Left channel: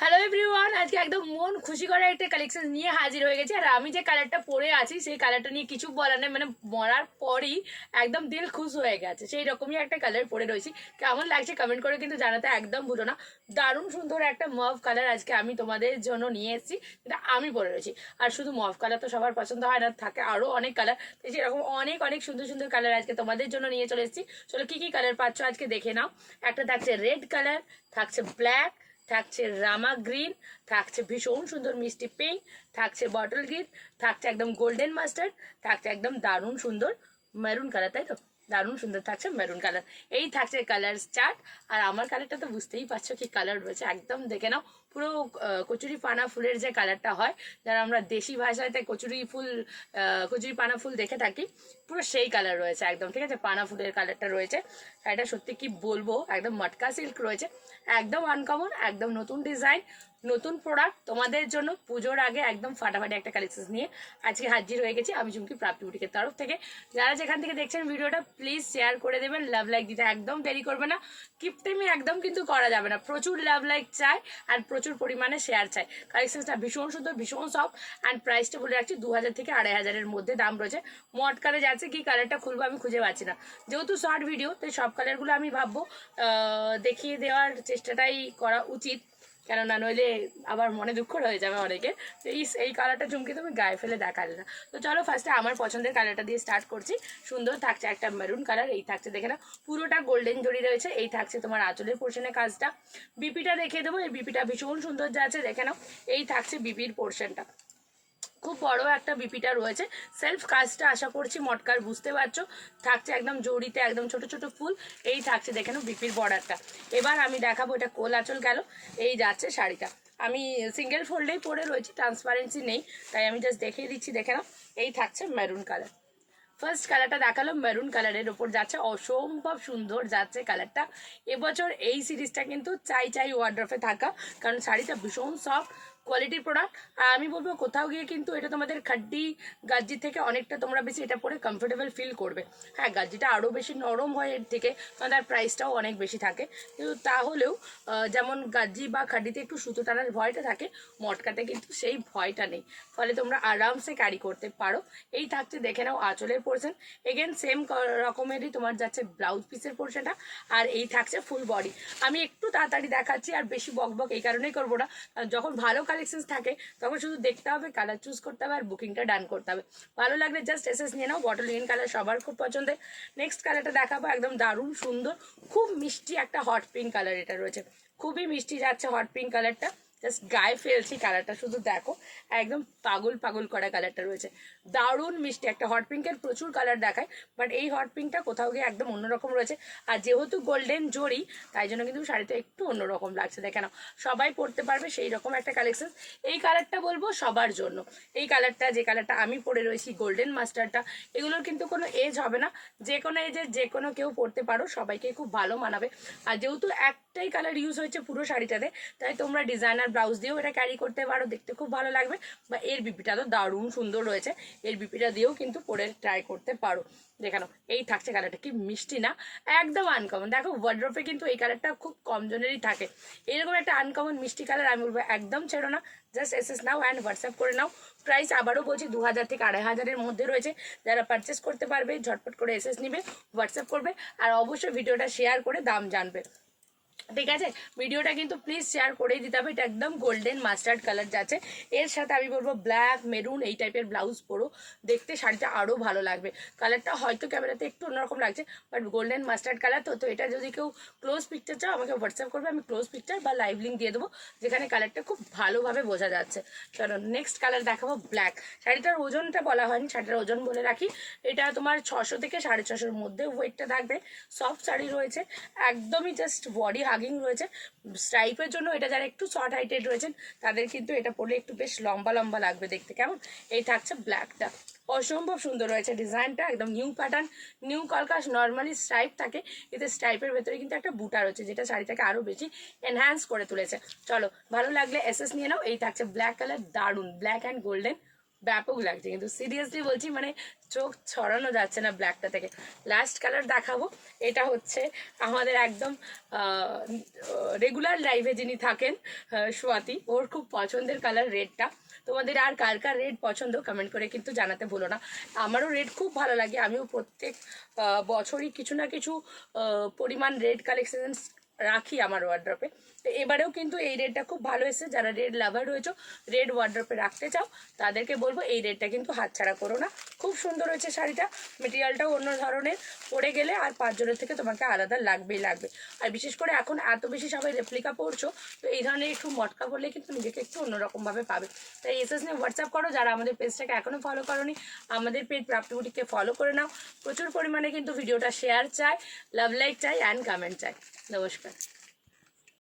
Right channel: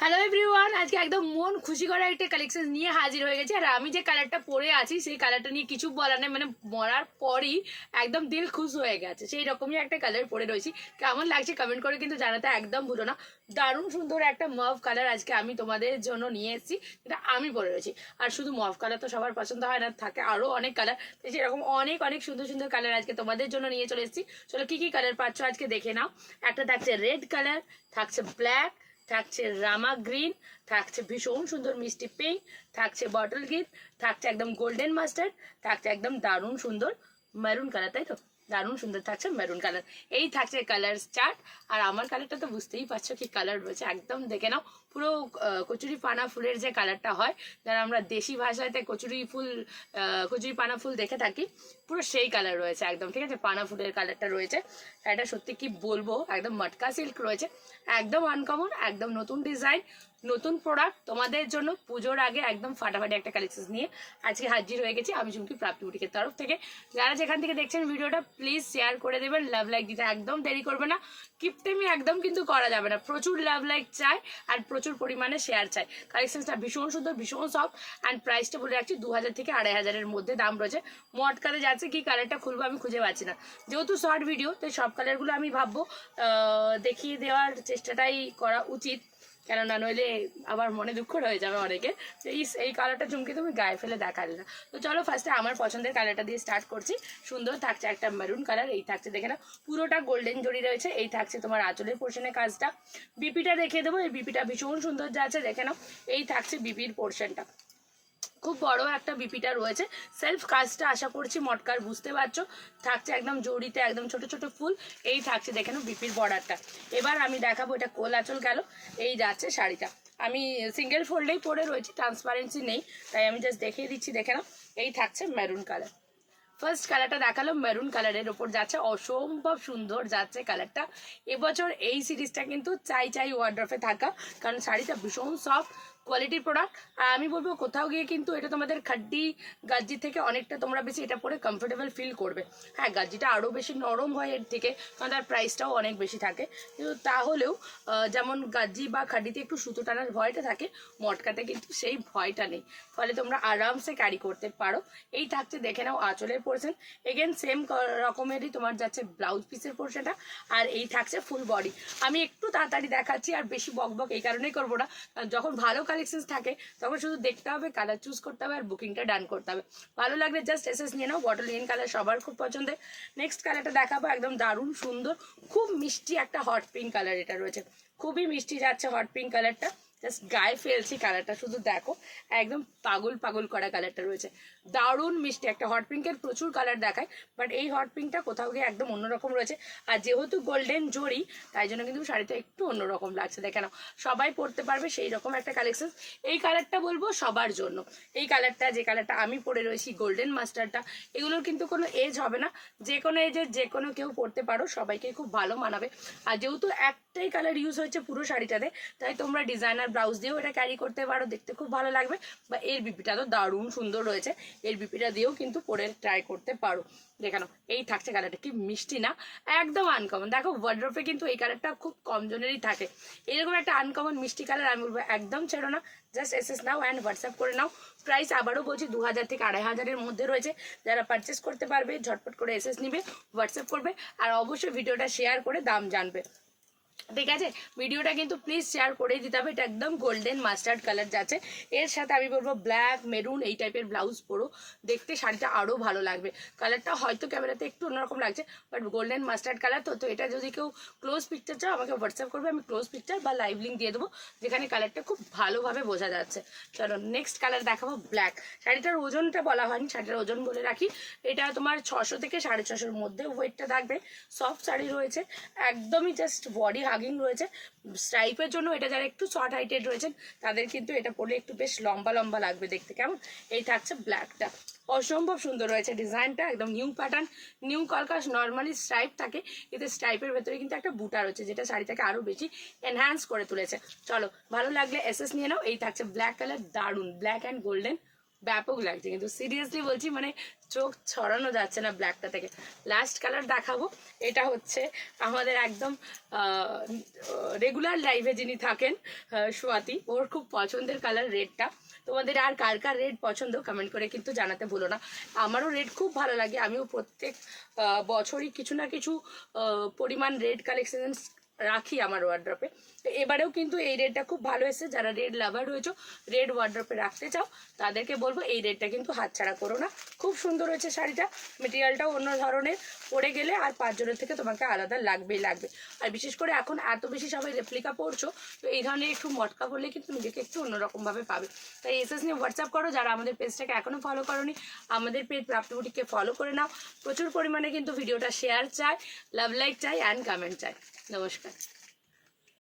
Hello everyone, আজকে একদম মন খুশি করার একটা কালেকশন নিয়ে হাজির হয়ে গেছে। আর আমি যে কালারটা পরে আছি সেই কালারটা নিয়ে কিছু বলার নেই, মানে মরার পরই একদম দিল খুশ হয়ে গেছে। সেই রকমই একটা কালার পরে রয়েছি। কেমন লাগছে কমেন্ট করে কিন্তু জানাতে একদম ভুলো না। দারুণ সুন্দর একটা মভ কালার আজকে আমি তোমাদের জন্য নিয়ে এসেছি, যেটা আমি পরে রয়েছি। আর শুধু মভ কালার তো সবার পছন্দ হয় না, থাকে আরও অনেক কালার। তো সেরকম অনেক অনেক সুন্দর সুন্দর কালার আজকে তোমাদের জন্য নিয়ে চলে এসেছি। চলো কি কি কালার পাচ্ছ আজকে দেখে নাও। একটা থাকছে রেড কালার, থাকছে ব্ল্যাক, থাকছে রামা গ্রিন, থাকছে ভীষণ সুন্দর মিষ্টি পিঙ্ক, থাকছে বটল গ্রিন, থাকছে একদম গোল্ডেন মাস্টার্ড, থাকছে একদম দারুণ সুন্দর মেরুন কালার, তাই তো? দারুণ সুন্দর থাকছে মেরুন কালার। এই থাকছে কালার চার্ট। আর আমার কালারটা তো বুঝতেই পারছো কি কালার রয়েছে, একদম দেখে নাও। পুরো কচুরি পানা ফুলের যে কালারটা হয়, যারা আমরা দেশি ভাষাতে কচুরি পানা ফুল দেখে থাকি, পুরো সেই কালার রয়েছে একদম। ঠিক আছে, পানা ফুলের কালারটা রয়েছে। এটা সত্যি কি বলবো, একদম মটকা সিল্ক রয়েছে, একদম আনকমন, একদম নতুন ডিজাইন, নতুন প্রোডাক্ট তোমাদের জন্য পুজোর আগে একদম ফাটাফাটি একটা কালেকশন নিয়ে আজকে হাজির হয়ে গেছি আমি চুমকি প্রাপ্তি বুটিকের তরফ থেকে। যারা যেখান থেকে দেখছেন ভিডিওটা প্লিজ শেয়ার করে দেবেন, লাভ লাইক দিতে একদম দেরি করবে না। কিপটেমি একদম কিন্তু করা যাবে না, প্রচুর লাভ লাইক চাই আর প্রচুর পরিমাণে শেয়ার চাই। কালেকশনটা ভীষণ সুন্দর, ভীষণ সফট। অ্যান্ড প্রাইসটা বলে রাখছি 2000 থেকে 2500-এর মধ্যে দাম রয়েছে। মটকারে যাচ্ছে কি কালারটা খুলবো আমি খুঁজে পাচ্ছি না, যেহেতু শর্ট ভিডিও তাই সব কালারগুলো আমি ভাববো দেখিয়ে দেওয়ার চেষ্টাটাই করা উচিত, কেননা নইলে আবার মনে দুঃখ রয়ে যাবে অনেকে। তো এই কালারটা চুমকি তুমি গায়ে ফেলে দেখালে না। তো চলো ফার্স্টে আমার পছন্দের কালারটা দিয়ে স্টার্ট করছি। সুন্দর থাকছে একটা মেরুন কালার, এই থাকছে দেখে না পুরোটা গোল্ডেন জড়ি রয়েছে। এই থাকছে তোমার আঁচলের পোর্শনের কাজটা। বিপিটা দেখিয়ে দেবো, এই বিপিটা ভীষণ সুন্দর যাচ্ছে দেখে নাও। এই থাকছে বিপির পোর্শনটা, খুব বড় একটা বিপিটা রয়েছে। সেলফ কাজটা আশা করছি মটকার, বুঝতে পারছো। থাকছে একদম জড়িতে একদম ছোট ছোট ফুল। এই থাকছে দেখে নাও বিপির বর্ডারটা। এবার আমি দেখাবো, এটা কোল আঁচল গেল। এই যাচ্ছে শাড়িটা, আমি সিঙ্গেল ফোল্ডেই পরে রয়েছি, ট্রান্সপারেন্সি নেই, তাই আমি জাস্ট দেখিয়ে দিচ্ছি দেখে নাও। এই থাকছে মেরুন কালার। ফার্স্ট কালারটা দেখালাম মেরুন কালারের ওপর যাচ্ছে, অসম্ভব সুন্দর যাচ্ছে কালারটা। এবছর এই সিরিজটা কিন্তু চাই চাই ওয়ার্ড্রফে থাকা, কারণ শাড়িটা ভীষণ সফট কোয়ালিটির প্রোডাক্ট। আর আমি বলবো কোথাও গিয়ে কিন্তু এটা তোমাদের খাড্ডি গাজ্জি থেকে অনেকটা তোমরা বেশি এটা পরে কমফোর্টেবল ফিল করবে। হ্যাঁ, গাজ্জিটা আরও বেশি নরম হয় এর থেকে, কারণ তার প্রাইসটাও অনেক বেশি থাকে। কিন্তু তাহলেও যেমন গাজ্জি বা খাড্ডিতে একটু সুতো টানার ভয়টা থাকে, মটকাতে কিন্তু সেই ভয়টা নেই, ফলে তোমরা আরামসে ক্যারি করতে পারো। এই থাকছে দেখে নাও আঁচলের পোর্শন। এগেন সেম রকমেরই তোমার যাচ্ছে ব্লাউজ পিসের পোর্শনটা। আর এই থাকছে ফুল বডি। আমি একটু তাড়াতাড়ি দেখাচ্ছি আর বেশি বকবক এই কারণেই করবো না, যখন ভালো কালেকশন থাকে তখন শুধু দেখতে হবে, কালার চুজ করতে হবে আর বুকিংটা ডান করতে হবে। ভালো লাগলে জাস্ট এসএস নিয়ে নাও, বটল গ্রিন কালার সবার খুব পছন্দের। নেক্সট কালারটা দেখাবো, একদম দারুণ সুন্দর খুব মিষ্টি একটা হট পিঙ্ক কালার এটা রয়েছে। খুবই মিষ্টি যাচ্ছে হট পিঙ্ক কালারটা, জাস্ট গায়ে ফেলছি কালারটা, শুধু দেখো একদম পাগল পাগল করা কালারটা রয়েছে। দারুণ মিষ্টি একটা হট পিঙ্কের প্রচুর কালার দেখায়, বাট এই হট পিঙ্কটা কোথাও গিয়ে একদম অন্যরকম রয়েছে। আর যেহেতু গোল্ডেন জড়ি, তাই জন্য কিন্তু শাড়িটা একটু অন্যরকম লাগছে দেখে নাও। সবাই পরতে পারবে সেই রকম একটা কালেকশন। এই কালারটা বলবো সবার জন্য। এই কালারটা, যে কালারটা আমি পরে রয়েছি গোল্ডেন মাস্টারটা, এগুলোর কিন্তু কোনো এজ হবে না, যে কোনো এজে যে কোনো কেউ পরতে পারো, সবাইকে খুব ভালো মানাবে। আর যেহেতু একটাই কালার ইউজ হয়েছে পুরো শাড়িটাতে, তাই তোমরা ডিজাইনার ব্লাউজ দিয়েও এটা ক্যারি করতে পারো, দেখতে খুব ভালো লাগবে। বা এর বিপিটা তো দারুণ সুন্দর রয়েছে, এর বিপিটা দিয়েও কিন্তু পরে ট্রাই করতে পারো। দেখানো এই থাকছে কালারটা, কি মিষ্টি না, একদম আনকমন। দেখো ওয়ার্ড্রপে কিন্তু এই কালারটা খুব কম জনেরই থাকে, এরকম একটা আনকমন মিষ্টি কালার। আমি বলবো একদম ছেড়ো না, just SS now and WhatsApp করে নাও। প্রাইস আবারও বলছি 2000 থেকে 2500-এর মধ্যে রয়েছে। যারা পারচেস করতে পারবে ঝটপট করে এসএস নিবে, হোয়াটসঅ্যাপ করবে, আর অবশ্যই ভিডিওটা শেয়ার করে দাম জানবে। ঠিক আছে, ভিডিওটা কিন্তু প্লিজ শেয়ার করেই দিতে হবে। এটা একদম গোল্ডেন মাস্টার্ড কালার যাচ্ছে, এর সাথে আমি বলবো ব্ল্যাক মেরুন এই টাইপের ব্লাউজ পরো, দেখতে শাড়িটা আরও ভালো লাগবে। কালারটা হয়তো ক্যামেরাতে একটু অন্যরকম লাগছে, বাট গোল্ডেন মাস্টার্ড কালার তো এটা যদি কেউ ক্লোজ পিকচার চাও আমাকে হোয়াটসঅ্যাপ করবে, আমি ক্লোজ পিকচার বা লাইভ লিঙ্ক দিয়ে দেবো, যেখানে কালারটা খুব ভালোভাবে বোঝা যাচ্ছে। চলো নেক্সট কালার দেখাবো, ব্ল্যাক। শাড়িটার ওজনটা বলা হয়নি, শাড়িটার ওজন বলে রাখি, এটা তোমার 600 থেকে 650-এর মধ্যে ওয়েটটা থাকবে। সফট শাড়ি রয়েছে, একদমই জাস্ট বডি হাগিং রয়েছে। স্ট্রাইপের জন্য এটা যারা একটু শর্ট হাইটেড রয়েছেন তাদের কিন্তু এটা পরলে একটু বেশ লম্বা লম্বা লাগবে দেখতে, কেমন? এই থাকছে ব্ল্যাকটা, অসম্ভব সুন্দর রয়েছে ডিজাইনটা, একদম নিউ প্যাটার্ন, নিউ কলকাস। নর্মালি স্ট্রাইপ থাকে, এতে স্ট্রাইপের ভেতরে কিন্তু একটা বুটা রয়েছে, যেটা শাড়িটাকে আরো বেশি এনহ্যান্স করে তুলেছে। চলো ভালো লাগলে এসএস নিয়ে নাও। এই থাকছে ব্ল্যাক কালার, দারুন ব্ল্যাক অ্যান্ড গোল্ডেন ব্যাপক লাগছে, কিন্তু সিরিয়াসলি বলছি মানে চোখ ছড়ানো যাচ্ছে না ব্ল্যাকটা থেকে। লাস্ট কালার দেখাবো, এটা হচ্ছে আমাদের একদম রেগুলার লাইভে যিনি থাকেন সোয়াতি, ওর খুব পছন্দের কালার রেডটা। তোমাদের আর কার কার রেড পছন্দ কমেন্ট করে কিন্তু জানাতে ভুলো না। আমারও রেড খুব ভালো লাগে, আমিও প্রত্যেক বছরই কিছু না কিছু পরিমাণ রেড কালেকশন রাখি আমার ওয়ার্ড্রপে। তো এবারেও কিন্তু এই রেডটা খুব ভালো এসেছে। যারা রেড লাভার রয়েছে, রেড ওয়ার্ড্রপে রাখতে চাও, তাদেরকে বলবো এই রেডটা কিন্তু হাতছাড়া করো না। খুব সুন্দর হয়েছে শাড়িটা, মেটেরিয়ালটাও অন্য ধরনের, পরে গেলে আর 5 জনের থেকে তোমাকে আলাদা লাগবেই লাগবে। আর বিশেষ করে এখন এত বেশি সবাই রেপ্লিকা পরছো, তো এই ধরনের একটু মটকা করলে কিন্তু নিজেকে একটু অন্যরকমভাবে পাবে। তাই এসএস নিয়ে হোয়াটসঅ্যাপ করো। যারা আমাদের পেজটাকে এখনও ফলো করোনি, আমাদের পেজ প্রাপ্তি বুটিককে ফলো করে নাও। প্রচুর পরিমাণে কিন্তু ভিডিওটা শেয়ার চাই, লাভ লাইক চাই অ্যান্ড কমেন্ট চাই। নমস্কার।